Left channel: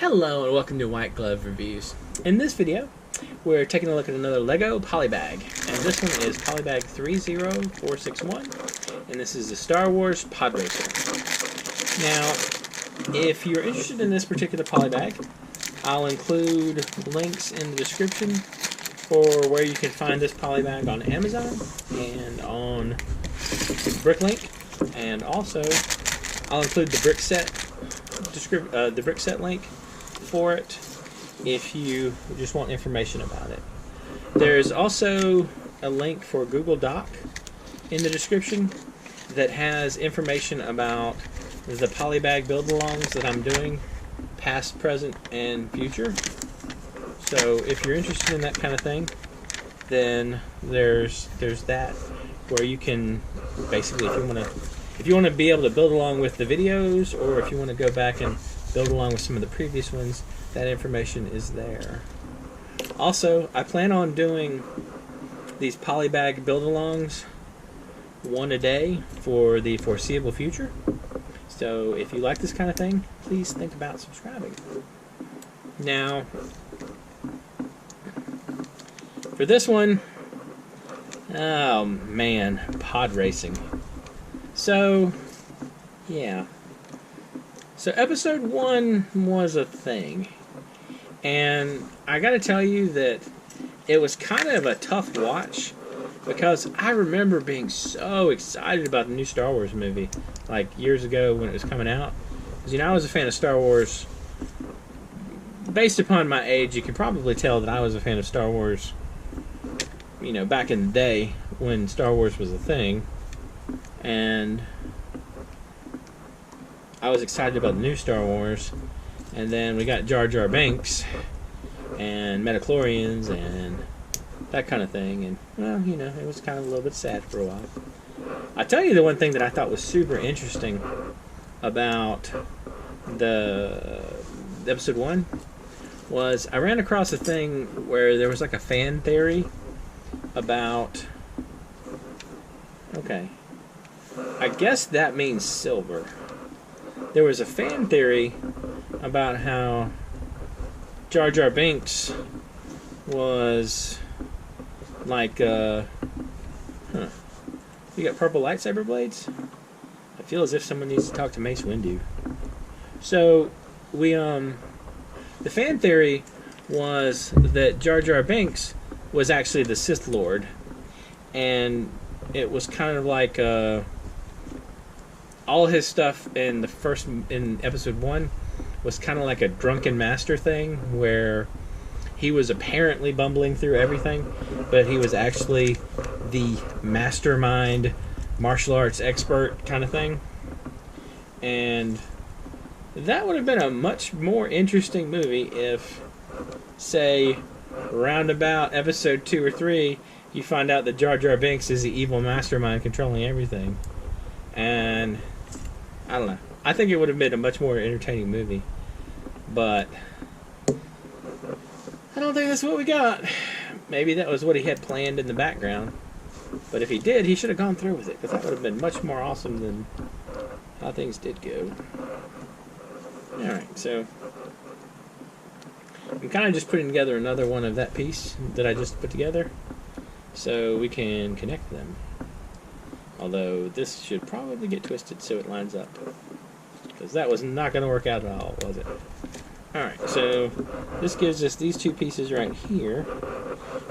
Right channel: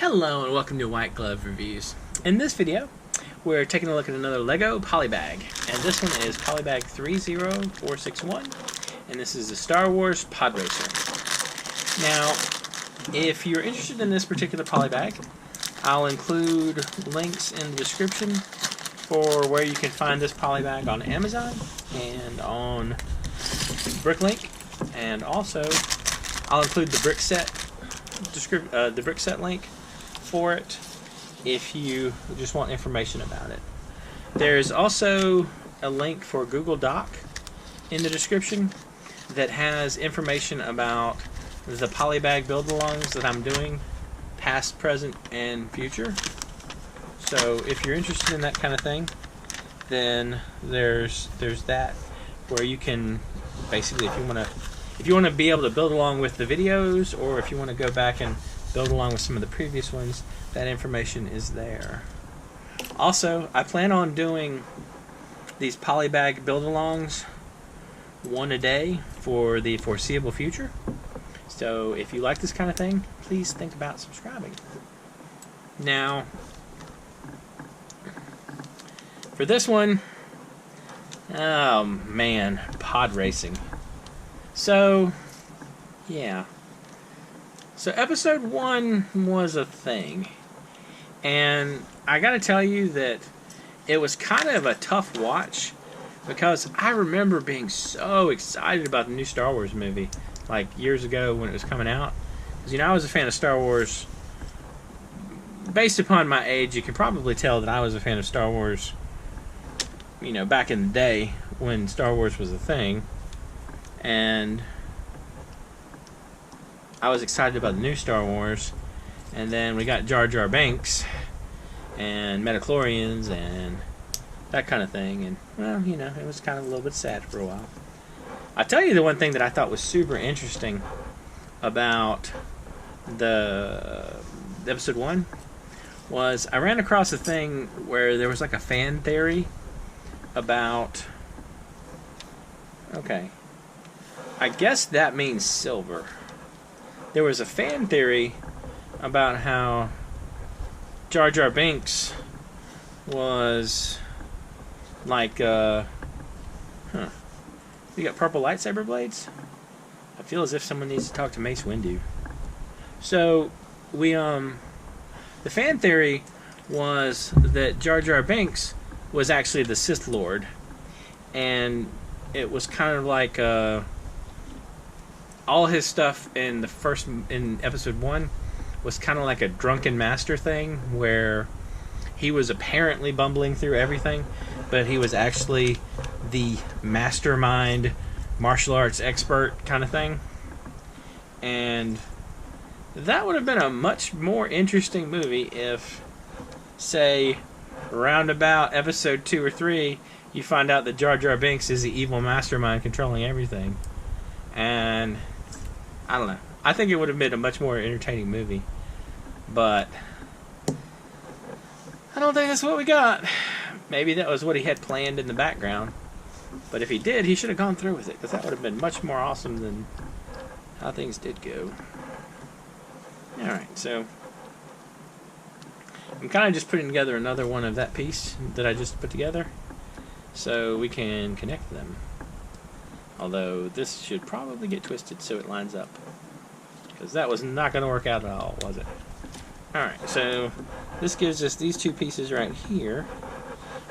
Hello and welcome to White Glove Reviews. In this video, we're taking a look at another LEGO Polybag, and this one is Polybag 30461, and this is the Star Wars Podracer. Now, if you're interested in this particular Polybag, I'll include links in the description for where you can find this Polybag on Amazon and on Bricklink, and also I'll include the brick set link for it if you just want information about it. There's also a link for Google Doc in the description that has information about the Polybag build-alongs that I'm doing, past, present, and future. So if you're interested in that kind of thing, then there's that where you can basically, if you want to be able to build along with the videos, or if you want to go back and build along with some of the previous ones, that information is there. Also, I plan on doing these Polybag build-alongs one a day for the foreseeable future. So if you like this kind of thing, please think about subscribing. Now, for this one, oh man, pod racing. So, yeah. So episode 1 was a thing, and I gotta tell you that it was kind of a tough watch, because I remember being so excited about the new Star Wars movie, like years ago when it was coming out. Because, you know, I was a fan of Star Wars. Based upon my age, you can probably tell that I was a fan of Star Wars, you know, back in the day when Star Wars was a thing. And I was excited about the new Star Wars, and then we got Jar Jar Binks and Metachlorians and that kind of thing, and well, you know, it was kind of a little bit sad for a while. I'll tell you the one thing that I thought was super interesting about the episode 1 was I ran across a thing where there was like a fan theory about, okay, I guess that means silver. There was a fan theory about how Jar Jar Binks was like, You got purple lightsaber blades? I feel as if someone needs to talk to Mace Windu. So, the fan theory was that Jar Jar Binks was actually the Sith Lord, and it was kind of like, all his stuff in episode 1 was kind of like a drunken master thing, where he was apparently bumbling through everything, but he was actually the mastermind martial arts expert kind of thing. And that would have been a much more interesting movie if, say, around about episode 2 or 3, you find out that Jar Jar Binks is the evil mastermind controlling everything. And I don't know. I think it would have been a much more entertaining movie. But I don't think that's what we got. Maybe that was what he had planned in the background. But if he did, he should have gone through with it, because that would have been much more awesome than how things did go. Alright, so I'm kind of just putting together another one of that piece that I just put together, so we can connect them. Although this should probably get twisted so it lines up, because that was not going to work out at all, was it? Alright, so this gives us these two pieces right here,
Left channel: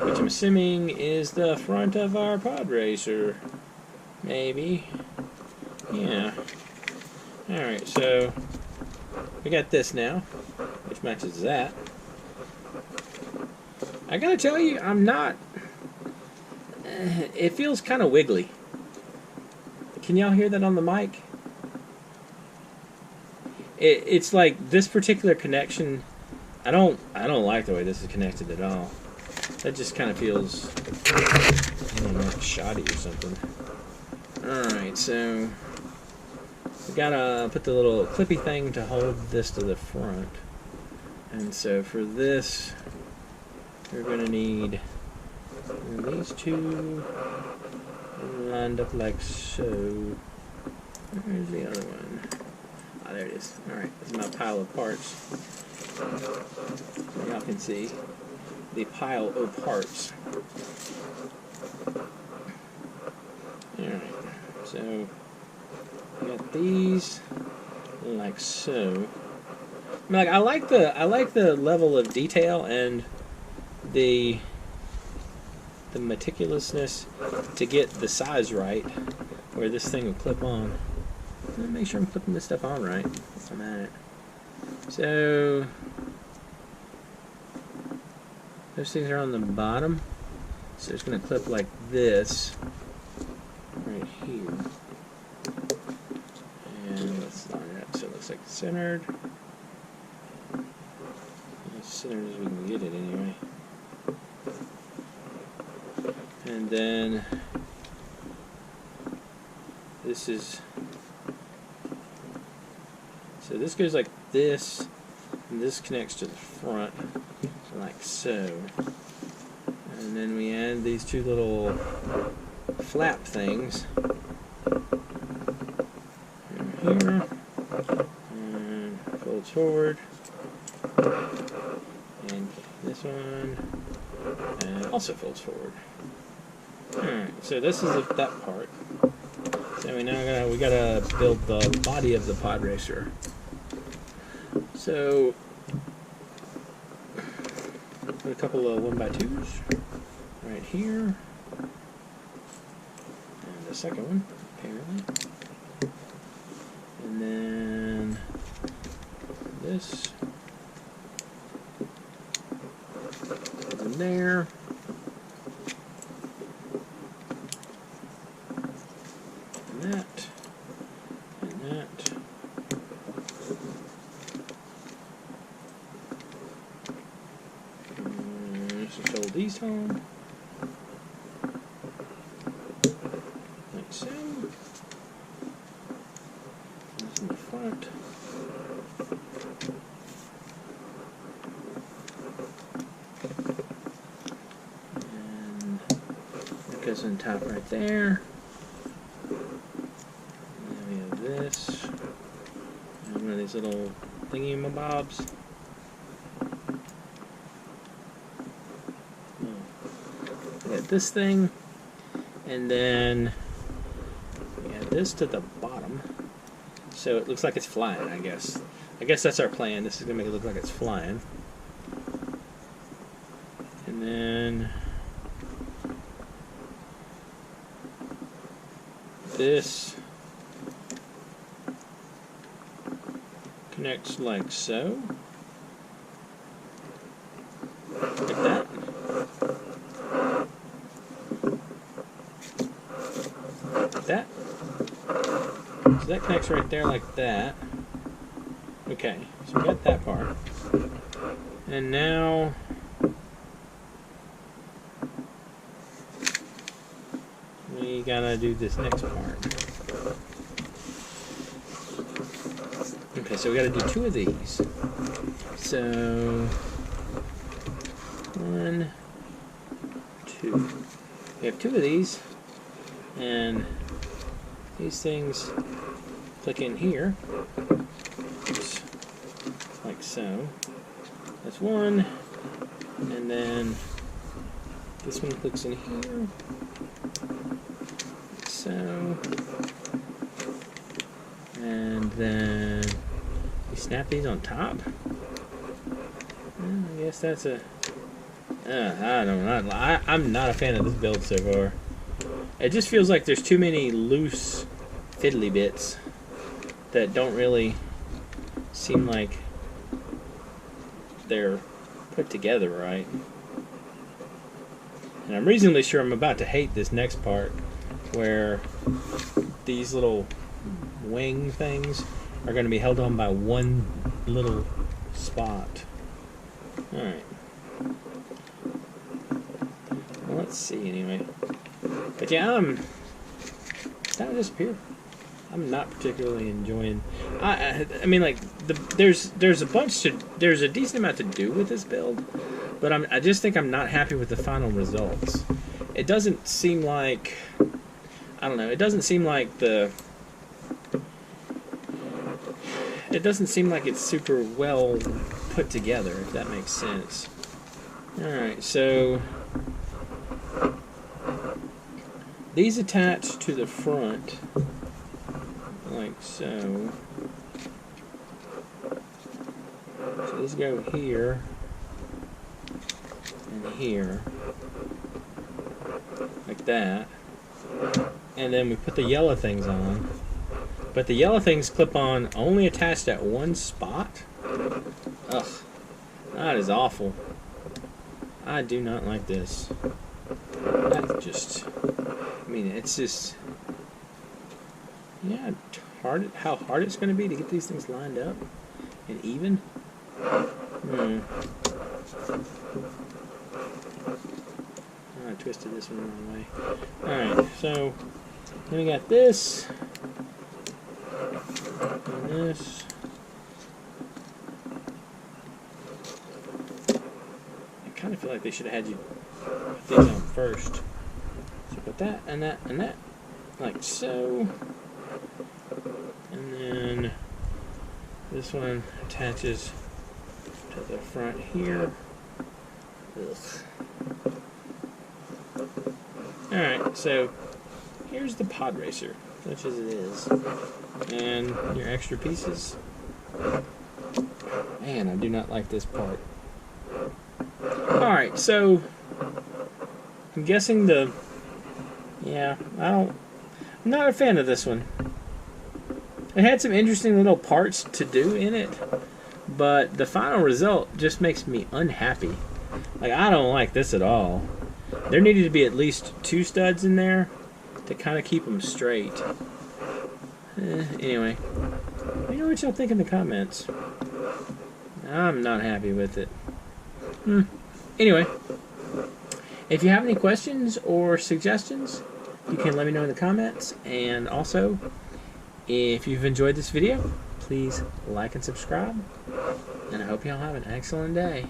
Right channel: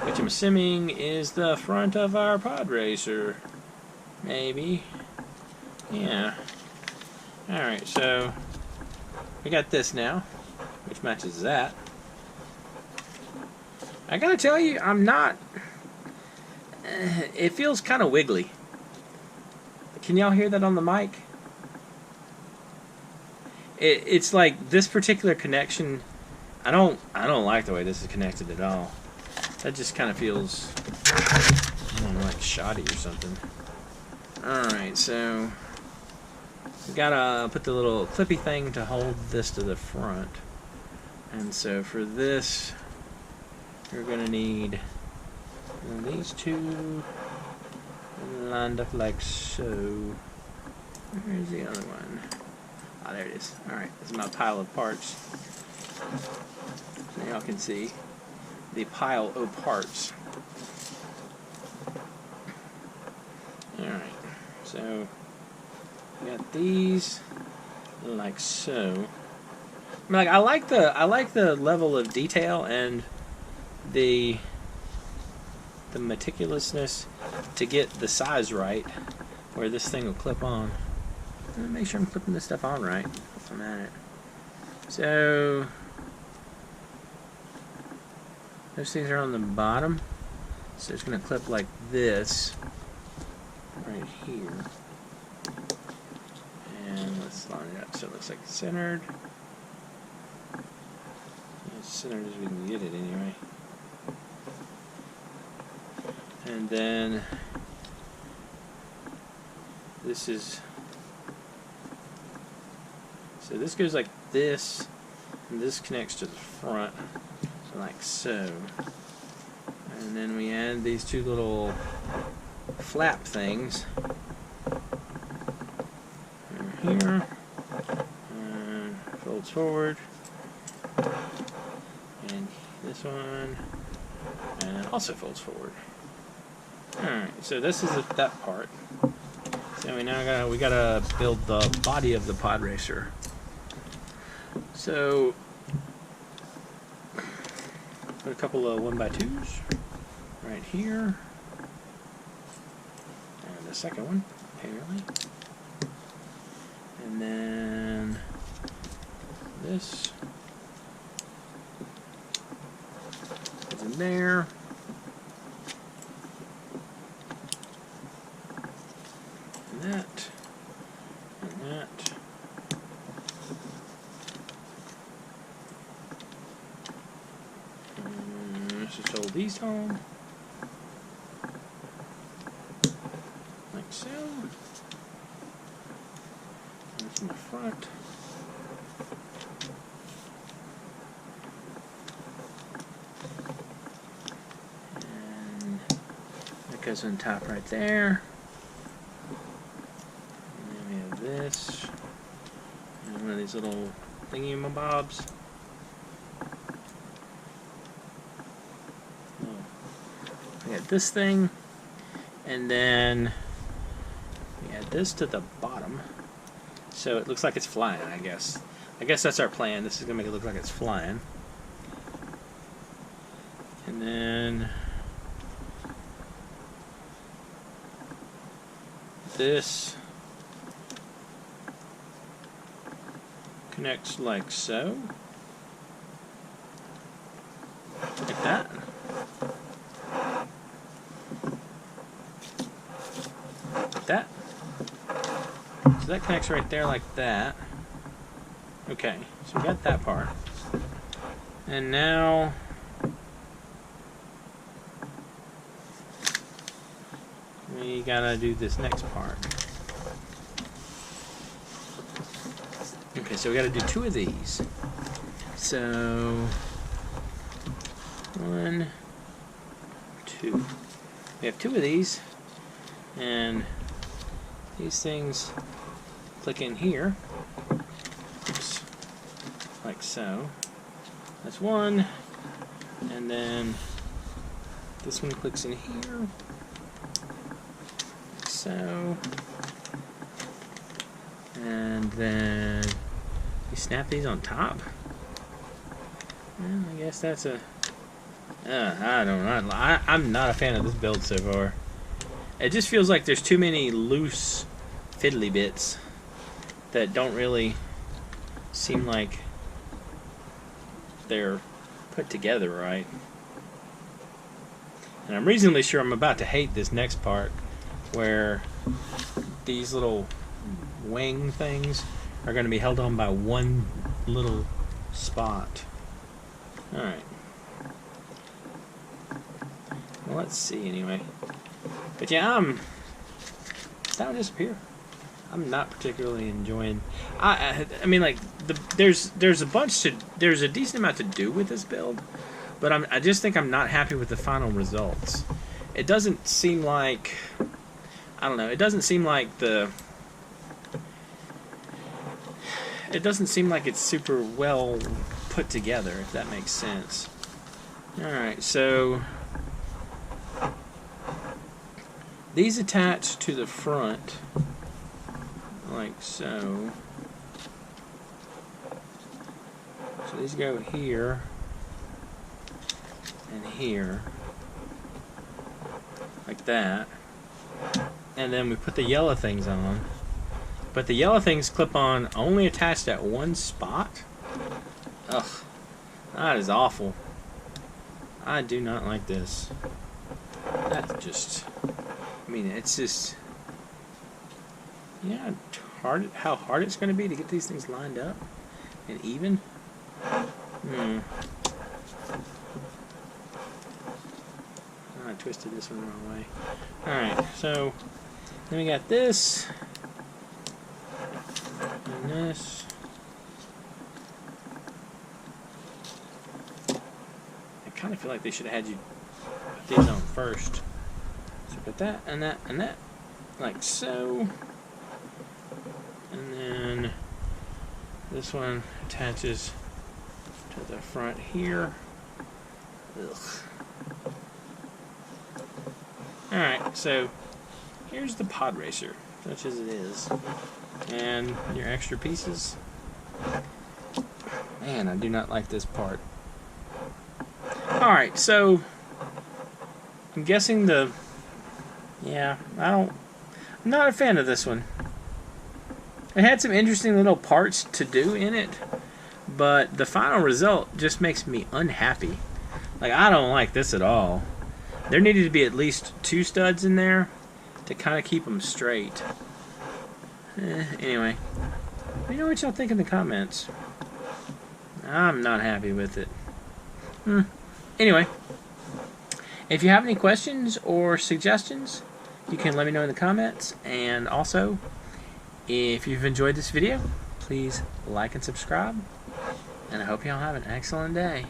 which I'm assuming is the front of our Podracer. Maybe. Yeah. Alright, so we got this now, which matches that. I gotta tell you, I'm not... it feels kind of wiggly. Can y'all hear that on the mic? It's like this particular connection. I don't like the way this is connected at all. That just kind of feels, I don't know, like shoddy or something. Alright, so we gotta put the little clippy thing to hold this to the front. And so for this, we're gonna need these two lined up like so. Where's the other one? Ah, there it is. Alright, this is my pile of parts. y'all can see the pile of parts. Alright, so we got these like so. I mean, like, I like the level of detail and the meticulousness to get the size right where this thing will clip on. Let me make sure I'm clipping this stuff on right. That's what I'm at. So those things are on the bottom, so it's going to clip like this right here. And let's line it up so it looks like it's centered. As centered as we can get it anyway. And then this is, so this goes like this, and this connects to the front, so like so. And then we add these two little flap things in here, and folds forward, and this one, and also folds forward. Alright, so this is that part. So we gotta build the body of the Podracer. So put a couple of 1x2s right here, and the second one apparently, and then this goes in there. That and that, and let's just hold these home like so. That's in the front, and that goes on top right there. This, and one of these little thingy-mabobs. We got this thing, and then we add this to the bottom, so it looks like it's flying. I guess that's our plan. This is gonna make it look like it's flying, and then this connects like so, like that. Like that. So that connects right there like that. Okay, so we got that part. And now we gotta do this next part. Okay, so we got to do two of these. So 1, 2. We have two of these, and these things click in here. Oops. Like so. That's one, and then this one clicks in here. Like so. And then we snap these on top. Well, I guess that's a... I don't know. I'm not a fan of this build so far. It just feels like there's too many loose fiddly bits that don't really seem like they're put together right. And I'm reasonably sure I'm about to hate this next part where these little wing things are going to be held on by one little spot. Alright. Well, let's see anyway. But yeah, that would disappear. I'm not particularly enjoying. I mean, like there's a decent amount to do with this build, but I just think I'm not happy with the final results. It doesn't seem like, I don't know. It doesn't seem like it's super well put together, if that makes sense. Alright, so these attach to the front like so. So these go here and here, like that. And then we put the yellow things on. But the yellow things clip on only attached at one spot. Ugh, that is awful. I do not like this. That's just, I mean, it's just, yeah, how hard it's going to be to get these things lined up and even. I twisted this one the wrong way. Alright, so then we got this and this. I kind of feel like they should have had you put these on first. So put that and that and that, like so. And then this one attaches to the front here. Ugh. Alright, so here's the Podracer, such as it is. And your extra pieces. Man, I do not like this part. Alright, so I'm guessing I'm not a fan of this one. It had some interesting little parts to do in it, but the final result just makes me unhappy. Like, I don't like this at all. There needed to be at least 2 studs in there to kind of keep them straight. Anyway, let me know what y'all think in the comments. I'm not happy with it. Anyway, if you have any questions or suggestions, you can let me know in the comments. And also, if you've enjoyed this video, please like and subscribe. And I hope y'all have an excellent day.